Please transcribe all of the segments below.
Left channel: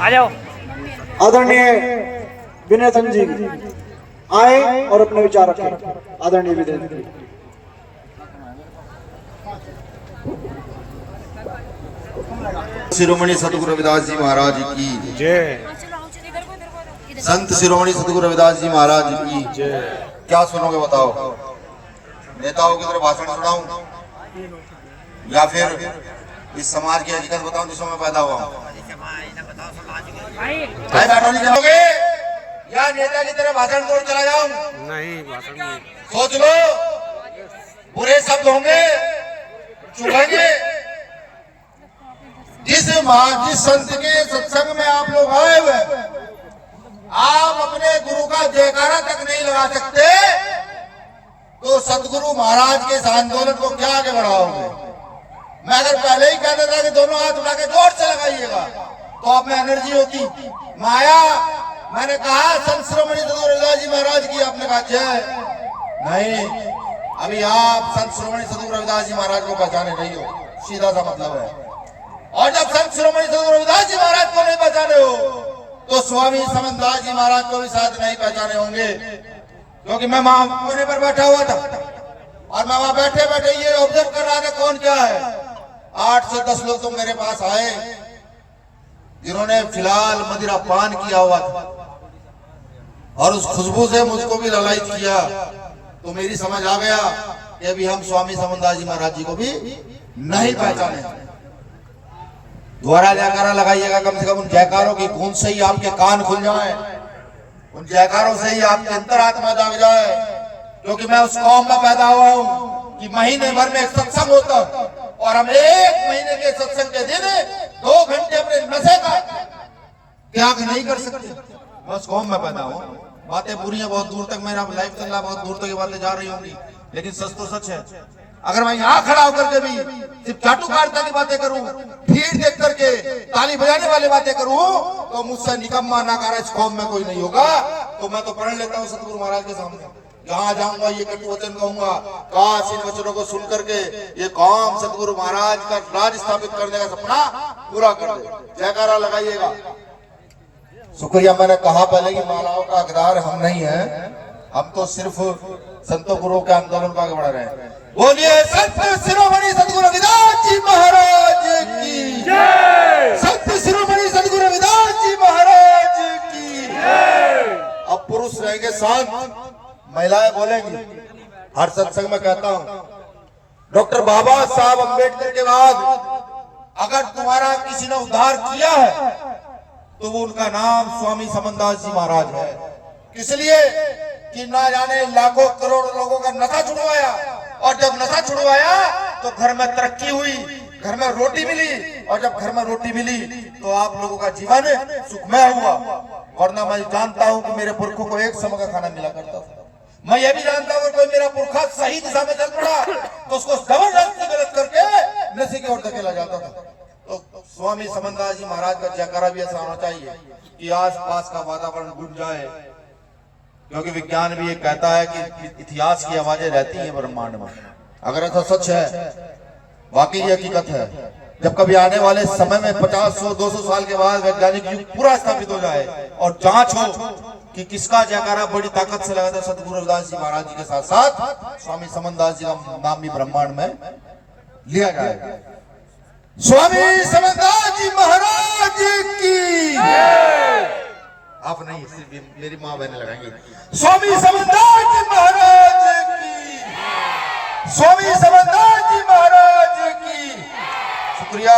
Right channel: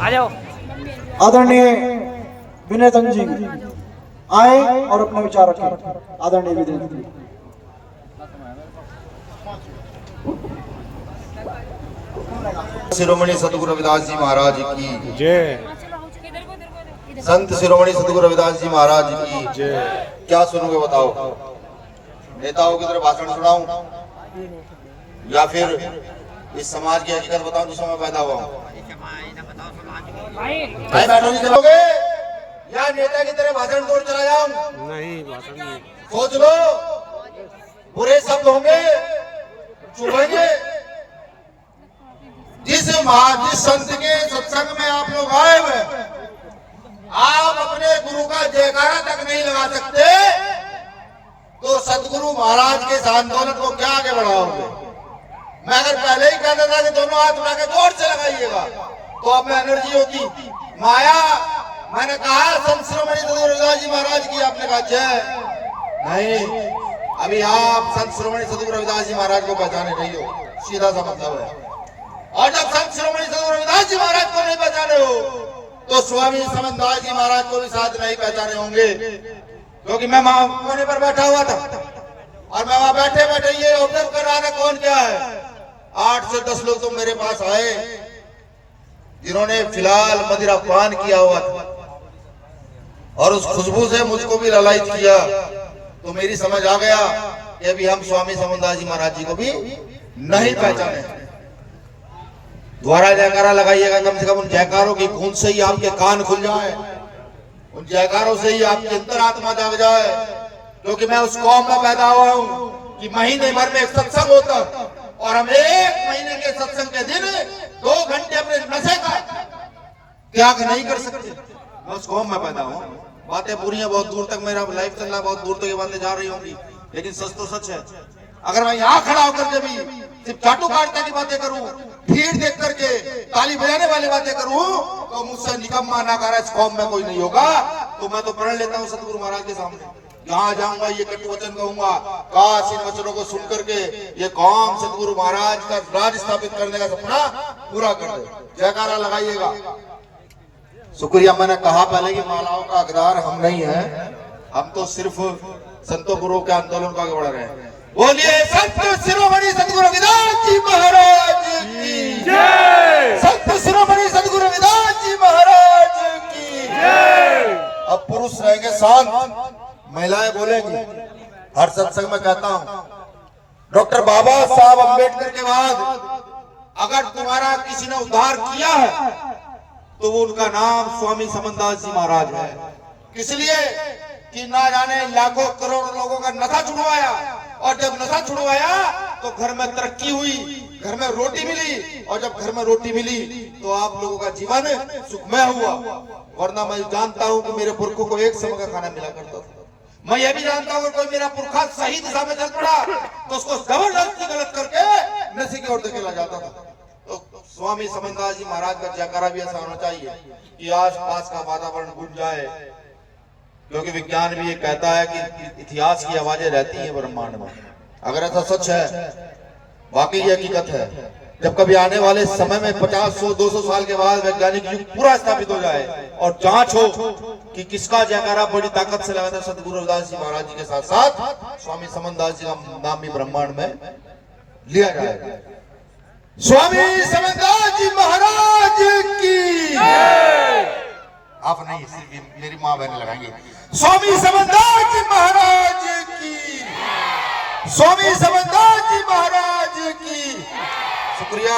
आ जाओ। आदरणीय विनय चंद जी आए और अपने विचार रखें। आदरणीय विनय जी। शिरोमणि सतगुरु रविदास जी महाराज की जय। संत शिरोमणि सतगुरु रविदास जी महाराज की जय। क्या सुनोगे बताओ? नेताओं की तरफ भाषण सुनाऊं या फिर इस समाज की हकीकत बताऊं जिसमें मैं पैदा हुआ हूं? भाई बैठो नहीं करोगे या नेता की तरफ भाषण छोड़ चला जाऊं? नहीं, भाषण नहीं। सोच लो, बुरे शब्द होंगे, चुभेंगे। जिस संत के सत्संग में आप लोग आए हुए, आप अपने गुरु का जयकारा तक नहीं लगा सकते तो सतगुरु महाराज के इस आंदोलन को क्या आगे बढ़ाओगे? मैं अगर पहले ही कहता था कि दोनों हाथ उठा के जोर से लगाइएगा तो आप में एनर्जी होती। माया, मैंने कहा संत शिरोमणि सतगुरु रविदास जी महाराज की, आपने कहा जय। नहीं, अभी आप संत शिरोमणि सतगुरु रविदास जी महाराज को पहचाने नहीं हो, सीधा सा मतलब है। और जब संत शिरोमणि सतगुरु रविदास जी महाराज को नहीं पहचाने हो तो स्वामी समनदास जी महाराज को भी साथ नहीं पहचाने होंगे। क्योंकि मैं कोने पर बैठा हुआ था और मैं वहां बैठे बैठे ये ऑब्जर्व कर रहा था कौन क्या है। 8 से 10 लोग तो मेरे पास आए जिन्होंने फिलहाल मदिरा पान किया हुआ था और उस खुशबू से मुझको भी ललायत किया। तो मेरी समझ आ गया कि अभी हम स्वामी समनदास जी महाराज जी को भी नहीं पहचाने। दोबारा जयकारा लगाइएगा, कम से कम उन जयकारों की गूंज से ही आपके कान खुल जाए, उन जयकारों से ही आपकी अंतरात्मा जाग जाए। क्योंकि मैं उस कौम में पैदा हुआ हूं कि महीने भर में एक सत्संग होता और हम 1 महीने के सत्संग के दिन 2 घंटे अपने नशे का त्याग नहीं कर सकते। मैं उस कौम में पैदा हुआ। बातें पूरी हैं, बहुत दूर तक मेरा लाइफ चल रहा, बहुत दूर तक ये बातें जा रही होंगी, लेकिन सच तो सच है। अगर मैं यहाँ खड़ा होकर के भी सिर्फ चाटुकारिता की बातें करूं, भीड़ देख करके ताली बजाने वाली बातें करूं तो मुझसे निकम्मा नाकारा इस कौम में कोई नहीं होगा। तो मैं तो प्रण लेता हूँ सतगुरु महाराज के सामने, जहाँ जाऊंगा ये कटु वचन कहूंगा, काश इन वचनों को सुन करके ये कौम सतगुरु महाराज का राज स्थापित करने का सपना पूरा कर दे। जयकारा लगाइएगा। शुक्रिया। मैंने कहा पहले कि मालाओं का हकदार हम नहीं है, हम तो सिर्फ संतों गुरुओं के आंदोलन को आगे बढ़ रहे हैं। बोलिए संत शिरोमणि सतगुरु रविदास जी महाराज की जय। संत शिरोमणि सतगुरु रविदास जी महाराज की जय। अब पुरुष रहेंगे शांत, महिलाएं बोलेंगी। हर सत्संग में कहता हूं, डॉक्टर बाबा साहब अम्बेडकर के बाद अगर तुम्हारा किसी ने उद्धार किया है तो वो उनका नाम स्वामी समनदास जी महाराज है। इसलिए कि ना जाने लाखों करोड़ लोगों का नशा छुड़वाया और जब नशा छुड़वाया तो घर में तरक्की हुई, घर में रोटी मिली और जब घर में रोटी मिली तो आप लोगों का जीवन सुखमय हुआ। वरना मैं जानता हूं कि मेरे पुरखों को एक समय का खाना मिला करता था। मैं ये भी जानता हूं कि कोई मेरा पुरखा सही दिशा में चल पड़ा तो उसको जबरदस्ती गलत करके नशे की ओर धकेला जाता था। तो स्वामी समनदास जी महाराज का जयकारा भी ऐसा होना चाहिए कि आस पास का वातावरण गूंज जाए। क्योंकि विज्ञान भी ये कहता है कि इतिहास की आवाजें रहती हैं ब्रह्मांड में। अगर ऐसा सच है, वाकई ये हकीकत है, जब कभी आने वाले समय में 50, 100, 200 साल के बाद वैज्ञानिक युग पूरा स्थापित हो जाए और जांच हो कि किसका जयकारा बड़ी ताकत से लगाता है, सतगुरु रविदास जी महाराज जी के साथ साथ स्वामी समनदास जी का नाम भी ब्रह्मांड में लिया जाएगा। स्वामी समनदास जी महाराज की आप नहीं, सिर्फ मेरी माँ बहने लगाएंगे। स्वामी समनदास जी महाराज की, स्वामी समनदास जी महाराज की। शुक्रिया।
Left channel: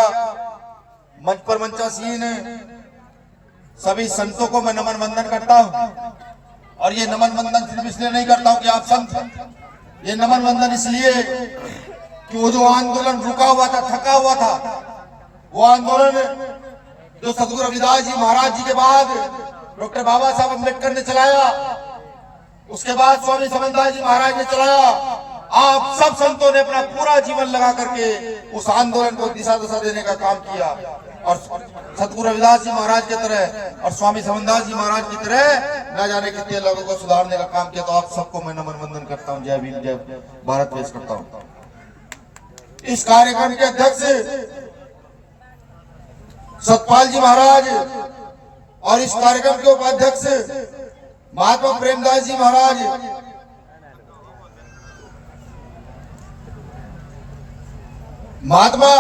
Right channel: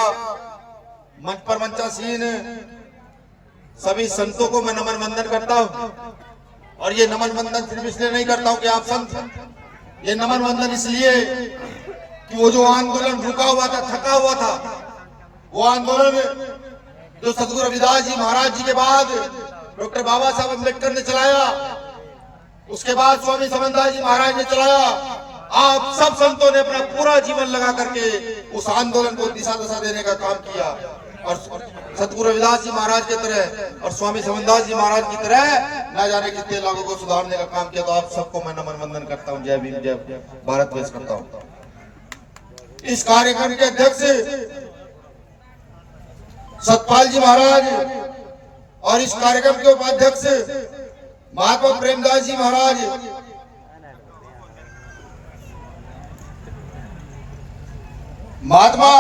मंच पर मंचासीन सभी संतों को मैं नमन वंदन करता हूँ। और ये नमन वंदन सिर्फ इसलिए नहीं करता हूँ कि आप संत हैं, ये नमन वंदन इसलिए कि वो जो आंदोलन रुका हुआ था, थका हुआ था, वो आंदोलन जो सतगुरु रविदास जी महाराज जी के बाद डॉक्टर बाबा साहब अम्बेडकर ने चलाया, उसके बाद स्वामी समनदास जी महाराज ने चलाया। आप सब संतों ने अपना पूरा जीवन लगा करके उस आंदोलन को दिशा दशा देने का काम किया। और सतगुरु रविदास जी महाराज की तरह और स्वामी समनदास जी महाराज की तरह न जाने कितने लोगों को सुधारने का काम किया। तो आप सबको मैं नमन वंदन करता हूँ। जय भीम, जय भारत पेश करता हूँ। इस कार्यक्रम के अध्यक्ष सतपाल जी महाराज और इस कार्यक्रम के उपाध्यक्ष महात्मा प्रेमदास जी महाराज, महात्मा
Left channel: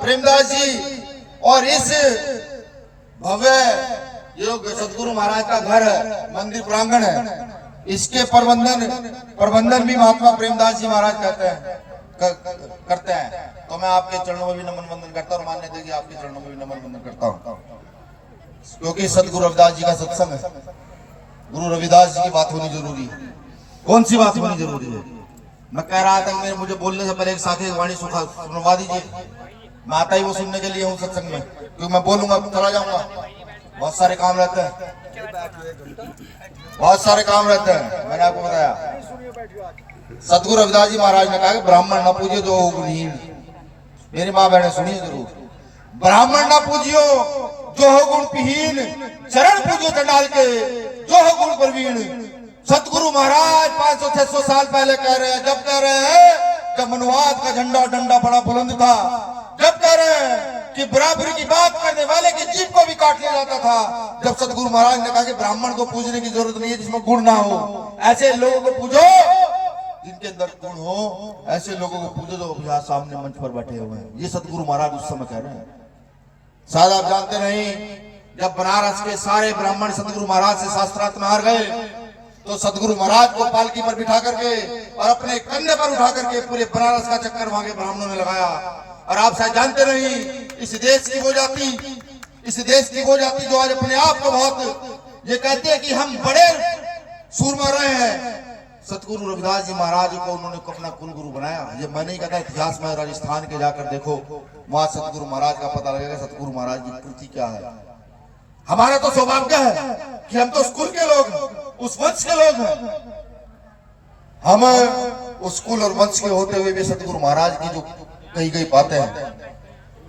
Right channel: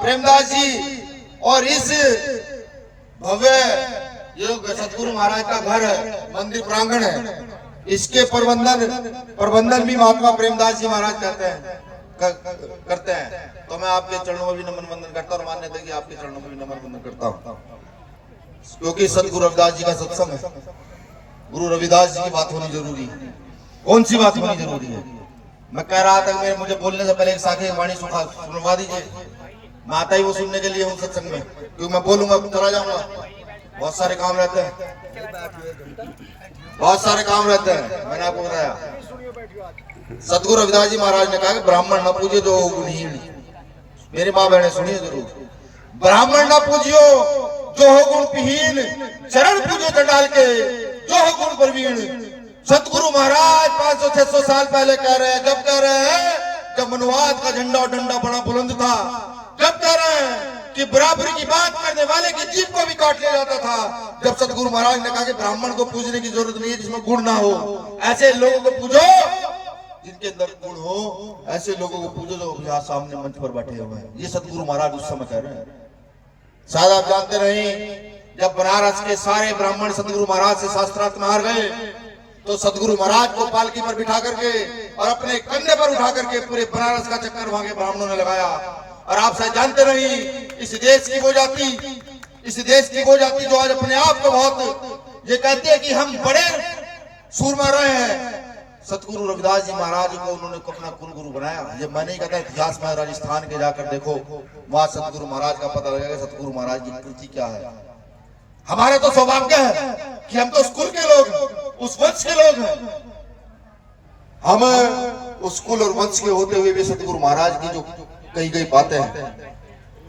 प्रेमदास जी और इस भव्य जो सतगुरु महाराज का घर है, मंदिर प्रांगण है, इसके प्रबंधन भी महात्मा प्रेमदास जी महाराज करते हैं। तो मैं आपके चरणों में भी नमन वंदन करता हूँ और मान्य देगी आपके चरणों में भी नमन वंदन करता हूँ, क्योंकि सतगुरु रविदास जी का सत्संग है। गुरु रविदास जी की बात होनी जरूरी है। कौन सी बात होनी जरूरी है? मैं कह रहा था मुझे बोलने से पहले एक साखी वाणी सुनवा दीजिए। मैं आता ही वो सुनने के लिए हूँ सत्संग में, क्योंकि मैं बोलूंगा चला जाऊंगा। बहुत सारे काम रहते हैं, बहुत सारे काम रहते हैं। मैंने आपको बताया सतगुरु रविदास जी महाराज ने कहा कि ब्राह्मण न पूजे जो गुणहीन। मेरी माँ बहने सुनिए जरूर, ब्राह्मण न पूजियो जो हो गुण विहीन, चरण पूजो चंडाल के जो हो गुण प्रवीण। सतगुरु महाराज 500-600 साल पहले कह रहे हैं, जब कह रहे हैं जब मनुवाद का झंडा और डंडा बड़ा बुलंद था, जब कह रहे हैं कि बराबरी की बात करने वाले की जीभ को भी काट लिया जाता था, जब सतगुरु महाराज ने कहा कि ब्राह्मण को पूजने की जरूरत नहीं है जिसमें गुण ना हो, ऐसे लोगों को पूजो जिनके अंदर गुण हो, ऐसे लोगों को पूजो जो यहाँ सामने मंच पर बैठे हुए हैं। ये सतगुरु महाराज उस समय कह रहे हैं। शायद आप जानते नहीं, जब बनारस के सारे ब्राह्मण सतगुरु महाराज से शास्त्रार्थ में हार गए, तो सतगुरु महाराज को पालकी पर बिठा करके और अपने कंधे पर उठा करके पूरे बनारस का चक्कर वहां के ब्राह्मणों ने लगाया। और आप शायद जानते नहीं, इस देश की वो जाति जो आज अपने आप को बहुत ये कहते हैं कि हम बड़े सूरमा रहे हैं, सतगुरु रविदास जी महाराज को उन्होंने अपना कुल गुरु बनाया। ये मैं नहीं कहता, इतिहास में राजस्थान के जाकर देखो, वहां सतगुरु महाराज का पता लगेगा सतगुरु महाराज की कृति क्या है। हमारा तो सौभाग्य है कि हम तो उस कुल के लोग, उस वंश के लोग हैं। हम उस कुल और वंश के होते हुए भी सतगुरु महाराज की जो कही गई बातें हैं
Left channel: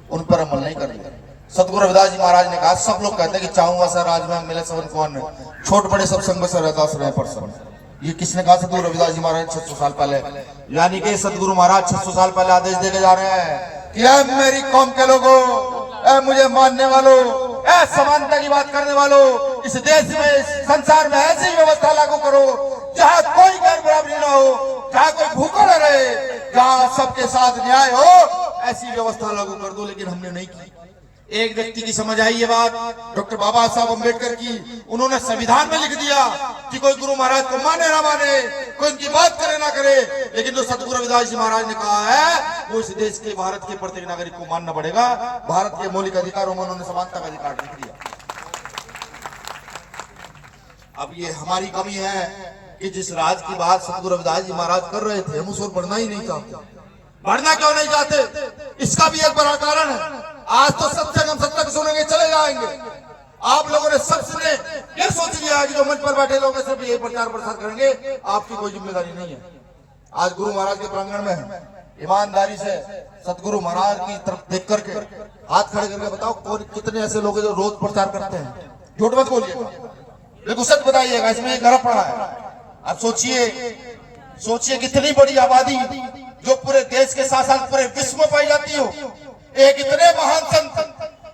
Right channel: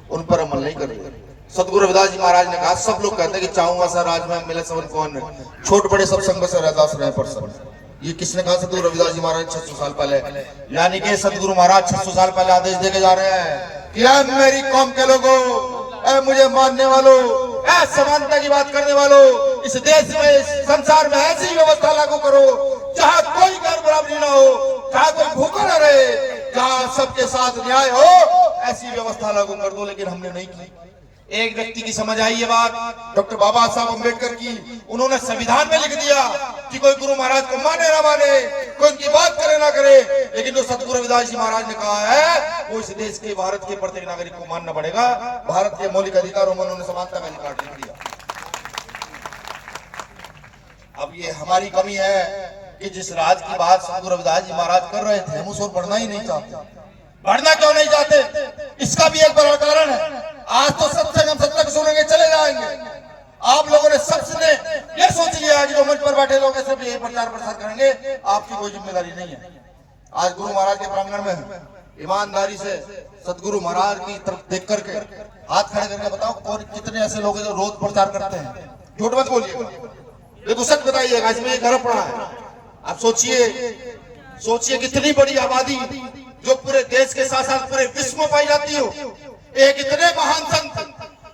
उन पर अमल नहीं करेंगे। सतगुरु रविदास जी महाराज ने कहा, सब लोग कहते हैं कि चाहूंगा सर राज में मिले सब कौन, छोट बड़े सब संग से रहदास रहे पर सब। ये किसने कहा? सतगुरु रविदास जी महाराज 600 साल पहले। यानी कि सतगुरु महाराज 600 साल पहले आदेश देके जा रहे हैं कि ऐ मेरी कौम के लोगों, ऐ मुझे मानने वालों, ऐ समानता की बात करने वालों, इस देश में इस संसार में ऐसी व्यवस्था लागू करो जहाँ कोई गैर बराबरी ना हो, जहाँ कोई भूखा न रहे, जहाँ सबके साथ न्याय हो, ऐसी व्यवस्था लागू कर दो। लेकिन हमने नहीं की। एक व्यक्ति की समझ आई ये बात, डॉक्टर बाबा साहब अम्बेडकर की। उन्होंने संविधान में लिख दिया कि कोई गुरु महाराज को माने ना माने, कोई उनकी बात करे ना करे, लेकिन जो सतगुरु रविदास जी महाराज ने कहा है वो इस देश के, भारत के प्रत्येक नागरिक को मानना पड़ेगा। भारत के मौलिक अधिकारों में उन्होंने समानता का अधिकार लिख दिया। अब ये हमारी कमी है कि जिस राज की बात सतगुरु रविदास जी महाराज कर रहे थे, हम उस ओर बढ़ना ही नहीं चाहते। बढ़ना क्यों नहीं चाहते? इसका भी एक बड़ा कारण है। आज तो सत्संग हम सत्संग सुनेंगे चले जाएंगे। आप लोगों ने सबसे ये सोच लिया है कि जो मंच पर बैठे लोग सिर्फ यही प्रचार प्रसार करेंगे, आपकी कोई जिम्मेदारी नहीं है। आज गुरु महाराज के प्रांगण में ईमानदारी से सतगुरु महाराज की तरफ देख करके हाथ खड़े करके बताओ कौन कितने ऐसे लोग जो रोज प्रचार करते हैं। झूठ मत बोलिएगा, बिल्कुल सच बताइएगा, इसमें गर्व पड़ा है। आप सोचिए कितनी बड़ी आबादी जो पूरे देश के साथ साथ पूरे विश्व में पाई जाती हो, एक इतने महान संत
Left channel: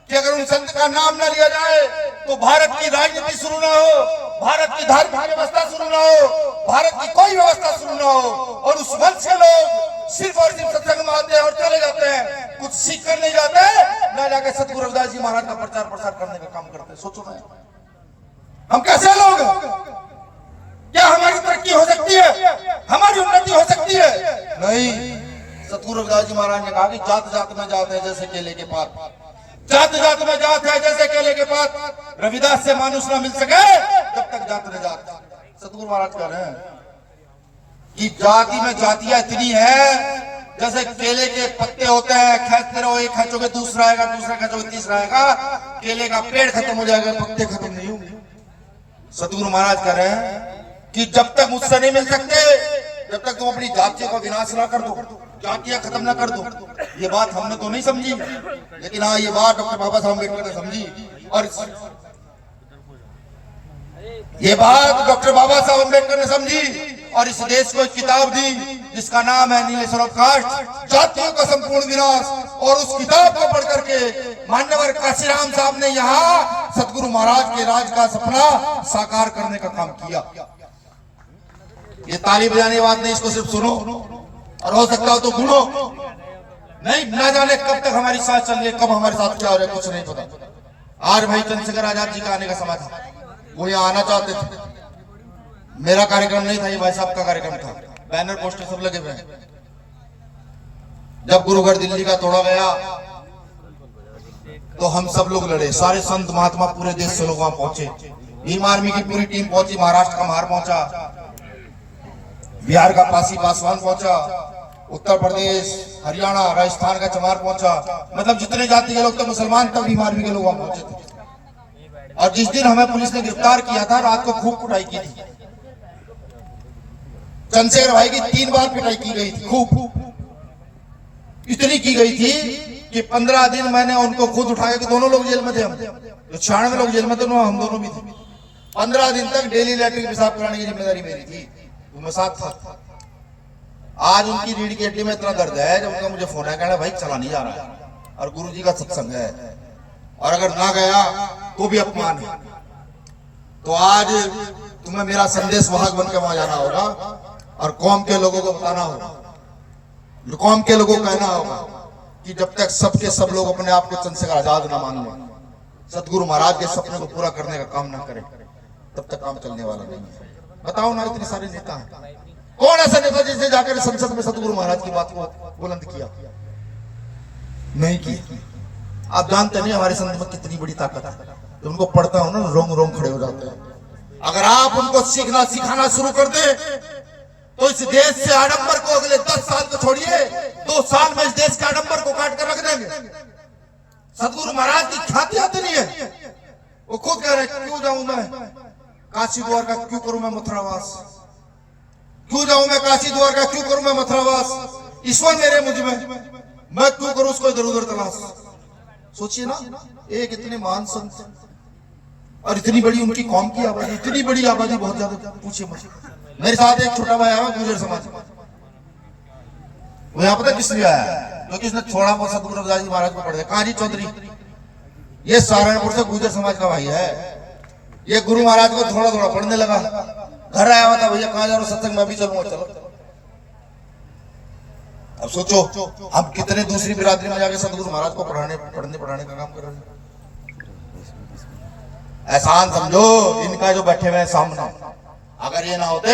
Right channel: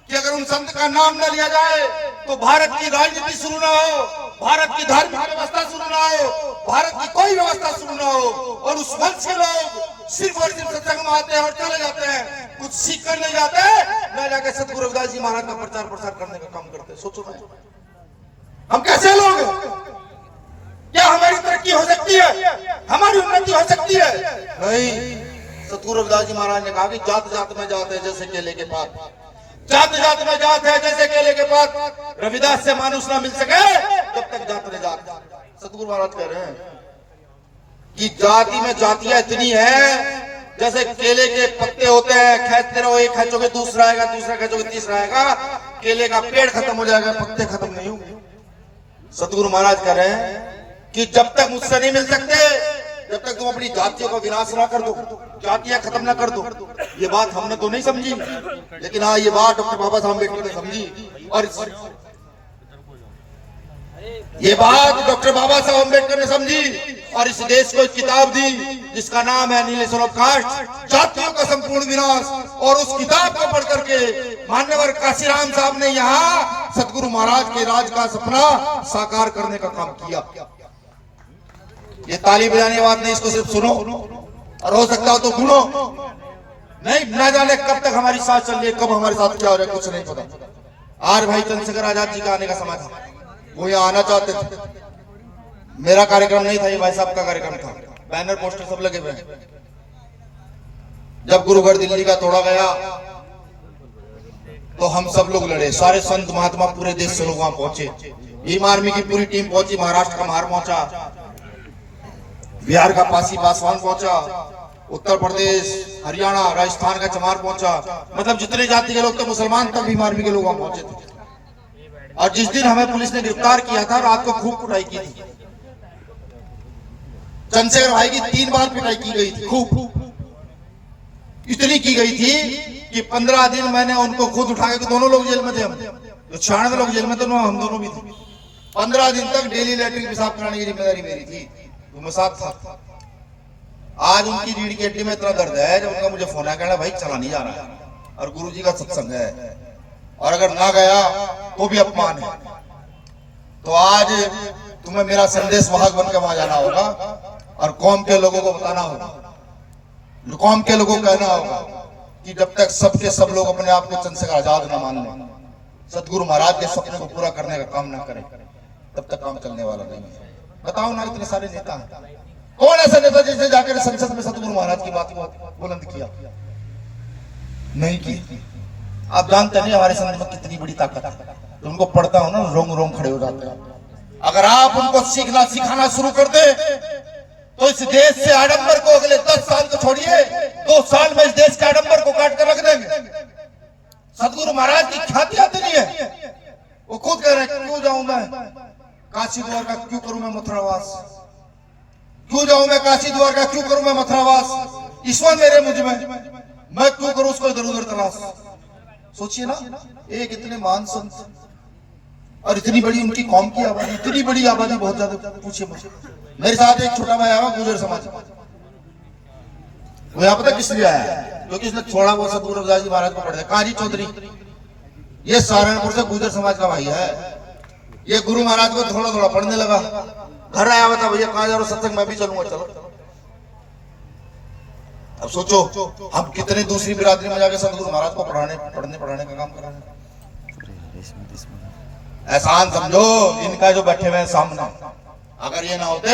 कि अगर उन संत का नाम न लिया जाए तो भारत की राजनीति शुरू न हो, भारत की धार्मिक व्यवस्था शुरू न हो, भारत की कोई व्यवस्था शुरू न हो। और उस वंश के लोग सिर्फ और सिर्फ सत्संग में आते हैं और चले जाते हैं, कुछ सीख कर नहीं जाते, न जाकर सतगुरु रविदास जी महाराज का प्रचार प्रसार करने का काम करते। सोचो मैं, हम कैसे लोग हैं? क्या हमारी तरक्की हो सकती है? हमारी उन्नति हो सकती है? नहीं। सतगुरु रविदास जी महाराज ने कहा कि जात जात में जात है जैसे केले के पात, जात जात में जात है जैसे केले के पात। रविदास से मानुष ना मिल सके जब तक जात न जात। सतगुरु महाराज कह रहे हैं कि जाति में जातियां इतनी है जैसे केले के पत्ते होते हैं, खेचते रहो, एक खेचोगे दूसरा आएगा, दूसरा खेचोगे तीसरा आएगा, केले का पेड़ खत्म हो जाएगा, पत्ते खत्म नहीं होंगे। सतगुरु महाराज कह रहे हैं कि जब तक मुझसे नहीं मिल सकते, जब तक तुम अपनी जातियों को विनाश ना कर दो, जातियां खत्म ना कर दो। ये बात हमने तो नहीं समझी, लेकिन हाँ ये बात डॉक्टर बाबा साहब अम्बेडकर ने समझी। और ये बात डॉक्टर बाबा साहब अम्बेडकर ने समझी और इस देश को एक किताब दी जिसका नाम है नीलेश्वर ऑफ कास्ट, जातियों का संपूर्ण विनाश। और उस किताब को पढ़ करके मान्यवर काशीराम साहब ने यहाँ सतगुरु महाराज महाराज के राज का सपना साकार करने का काम किया। ये ताली बजाने बात नहीं, इसको सिर्फ सुनो और हो सकता हो तो सुनो। नहीं, ना जाने कब तक हमारी साथ चल रही है, कब हमारे साथ क्या हो रहा है, कुछ नहीं पता। आज भाई चंद्रशेखर आजाद जी का आने का समय था, वो यहाँ आना चाहते थे। मेरा कार्यक्रम नहीं था, ये भाई साहब का कार्यक्रम था। बैनर पोस्टर सब लगे हुए हैं। जब गुरुगढ़ दिल्ली का तोड़ा गया तो हम सब लोग लड़े, सारे संत महात्मा पूरे देश से लोग वहां पहुंचे। भीम आर्मी की पूरी टीम पहुंची, महाराष्ट्र का महार पहुंचा, बिहार का पासी पासवान पहुंचा, उत्तर प्रदेश, हरियाणा, राजस्थान का चमार पहुंचा। मतलब जितने जाति के लोग थे, मुसलमान तक भीम आर्मी के लोग वहां पहुंचे थे। और जिस दिन हमें पुलिस ने गिरफ्तार किया था, रात को खूब कुटाई की थी। चंद्रशेखर भाई की 3 बार पिटाई की गई थी, खूब इतनी की गई थी कि 15 दिन मैंने उनको खुद उठाया कि दोनों लोग जेल में थे। हम तो 96 लोग जेल में थे, हम दोनों भी थे। 15 दिन तक डेली लैट्रिन पेशाब कराने की जिम्मेदारी मेरी थी, तो मैं साथ था। आज उनकी रीढ़ की हड्डी में इतना दर्द है, जब उनका मुझे फोन आया, कहना भाई चला नहीं जा रहा है और गुरुजी का सत्संग है, और अगर ना गया तो भी अपमान है। तो आज तुम्हें मेरा संदेश वाहक बनकर वहां जाना होगा और कौम के लोगों को बताना होगा, कौम के लोगों को कहना होगा कि जब तक सबके सब लोग अपने आप को चंद्रशेखर आजाद न मान लें, सतगुरु महाराज के सपने को पूरा करने का काम ना करें, तब तक काम चलने वाला नहीं है। बताओ ना, इतने सारे नेता हैं, कौन ऐसा नेता जिसने जाकर संसद में सतगुरु महाराज की बात को बुलंद किया? नहीं की। आप जानते नहीं हमारे संत में कितनी बड़ी ताकत है। तो उनको पढ़ता हूं ना, रोम रोम खड़े हो जाते हैं। अगर आप उनको सीखना सिखाना शुरू कर दे तो इस देश से आडंबर को अगले 10 साल को छोड़िए, 2 साल में इस देश के आडंबर को काट कर रख देंगे। सतगुरु महाराज की ख्याति आती नहीं है। वो खुद कह रहे, क्यों जाऊं मैं काशी द्वार का, क्यों करूं मैं मथुरावास, क्यों जाऊं मैं काशी द्वार का, क्यों करूं मैं मथुरावास, ईश्वर मेरे मुझ में, मैं क्यों करूं उसको इधर उधर तलाश। सोचिए ना, एक इतने महान संत और इतनी बड़ी उनकी कौम की आबादी, इतनी बड़ी आबादी, बहुत ज्यादा। पूछिए मुझे, मेरे साथ एक छोटा भाई आया गुर्जर समाज, वो यहाँ पता किस लिए आया है? क्योंकि उसने थोड़ा बहुत सतगुरु रविदास जी महाराज को पढ़ा है। काजी चौधरी, ये सहारनपुर से गुर्जर समाज का भाई है। ये गुरु महाराज को थोड़ा थोड़ा पढ़ने लगा, घर आया हुआ था, भैया कहाँ जा रहा हूं, सत्संग मैं भी चलूंगा, चलो। अब सोचो हम कितने दूसरी बिरादरी में जाके सतगुरु महाराज को पढ़ने का काम कर रहे हैं। एहसान समझो इनका जो बैठे हुए हैं सामने, अगर ये ना होते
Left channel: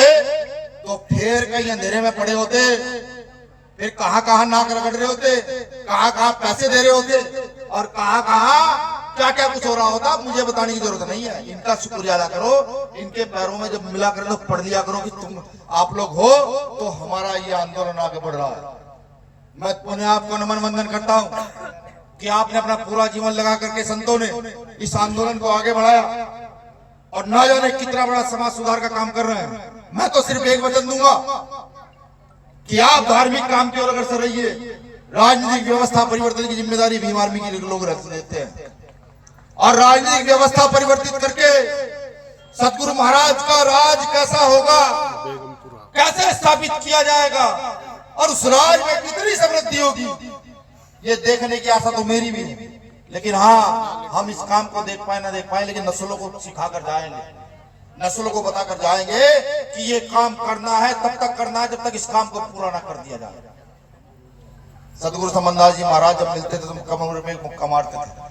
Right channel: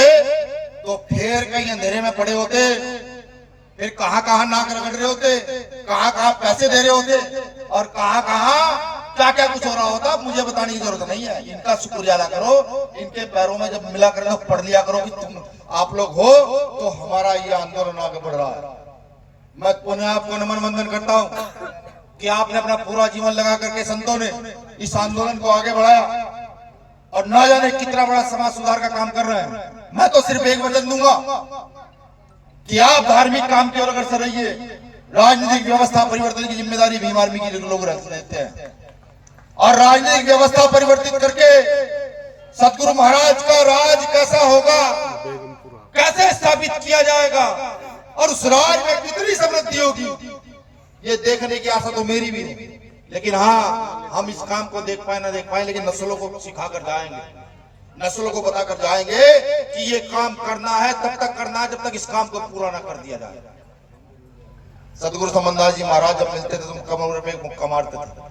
तो फिर कहीं अंधेरे में पड़े होते, फिर कहां कहां नाक रगड़ रहे होते, कहां कहां पैसे दे रहे होते, और कहां कहां क्या क्या कुछ हो रहा होता। मुझे बताने की जरूरत नहीं है। इनका शुक्रिया अदा करो, इनके पैरों में जब मिला करो तो पढ़ लिया करो कि तुम आप लोग हो तो हमारा ये आंदोलन आगे बढ़ रहा है। मैं पुनः आपको नमन वंदन करता हूं कि आपने अपना पूरा जीवन लगा करके संतों ने इस आंदोलन को आगे बढ़ाया और न जाने कितना बड़ा समाज सुधार का काम कर रहे हैं। मैं तो सिर्फ एक वचन दूंगा कि आप धार्मिक काम की ओर अग्रसर रहिए, राजनीतिक व्यवस्था परिवर्तन की जिम्मेदारी भीम आर्मी के लोग लेते हैं, और राजनीतिक व्यवस्था परिवर्तित करके सतगुरु महाराज का राज कैसा होगा, कैसे स्थापित किया जाएगा और उस राज में कितनी समृद्धि होगी, ये देखने की आशा तो मेरी भी है। लेकिन हाँ, हम इस काम को देख पाए ना देख पाए, लेकिन नस्लों को सिखा कर जाएंगे, नस्लों को बताकर जाएंगे कि ये काम करना है, तब तक करना है जब तक इस काम को पूरा ना कर दिया जाए। सतगुरु समनदास जी महाराज जब मिलते थे तो कमर पे मुक्का मारते थे।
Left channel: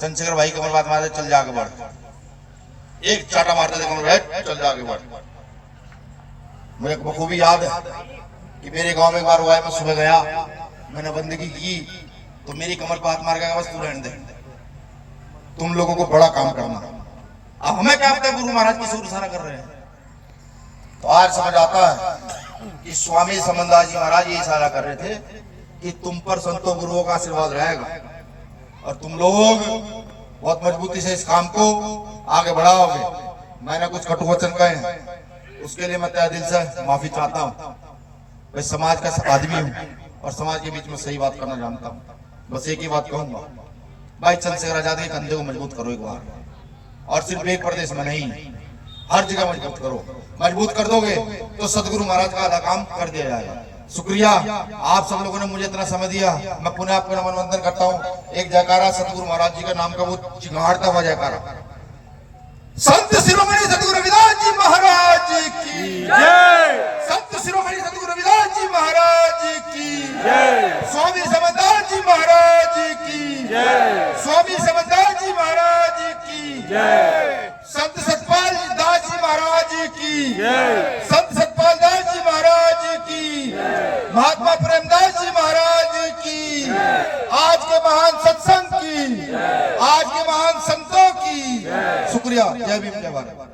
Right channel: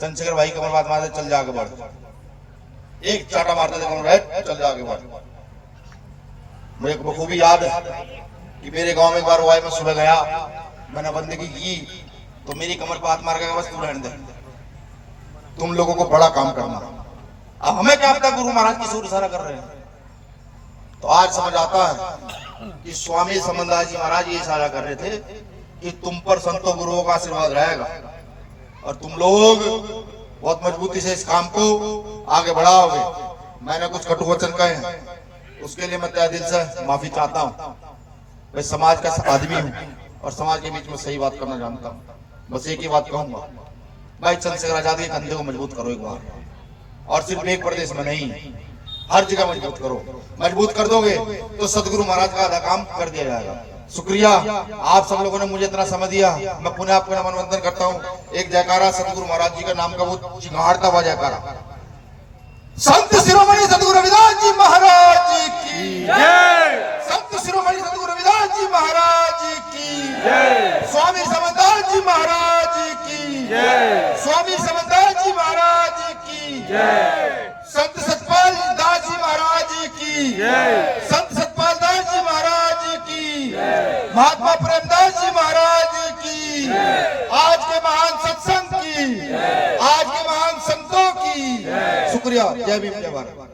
चंद्रशेखर भाई कमर बात मारते, चल जा आगे बढ़, एक चाटा मारते थे कमर, चल जा आगे बढ़। मुझे बखूबी याद है कि मेरे गांव में एक बार हुआ है, मैं सुबह गया, मैंने बंदगी की तो मेरी कमर पे हाथ मार गया, बस तू रहने दे, तुम लोगों को बड़ा काम करना। अब हमें क्या पता गुरु महाराज किस ओर इशारा कर रहे हैं। तो आज समझ आता है कि स्वामी समनदास जी महाराज ये इशारा कर रहे थे कि तुम पर संतों गुरुओं का आशीर्वाद रहेगा और तुम लोग बहुत मजबूती से इस काम को आगे बढ़ाओगे। मैंने कुछ कटु वचन कहे हैं, उसके लिए मैं तहे दिल से माफी चाहता हूँ। मैं समाज का आदमी हूँ और समाज के बीच में सही बात करना जानता हूँ। बस एक ही बात कहूंगा, भाई चंद्रशेखर आजाद के कंधे को मजबूत करो एक बार, और सिर्फ एक प्रदेश में नहीं, हर जगह मजबूत करो। मजबूत कर दोगे तो सतगुरु महाराज का आधा काम कर दिया जाएगा। शुक्रिया, आप सब लोगों ने मुझे इतना समय दिया। मैं पुनः आपको नमन वंदन करता हूँ। एक जयकारा सतगुरु महाराज जी का नाम का वो चिन्हाड़ता हुआ जयकारा, संत शिरोमणि सद्गुरु रविदास जी महाराज की जय। संत शिरोमणि सद्गुरु रविदास जी महाराज की जय। स्वामी समदास जी महाराज की जय। स्वामी समदास जी महाराज की जय। संत सतपाल दास जी महाराज की जय। संत सतपाल दास जी महाराज की महात्मा प्रेमदास जी महाराज की आज के महान सत्संग की आज के महान संतों की शुक्रिया। जय भीम जय भारत।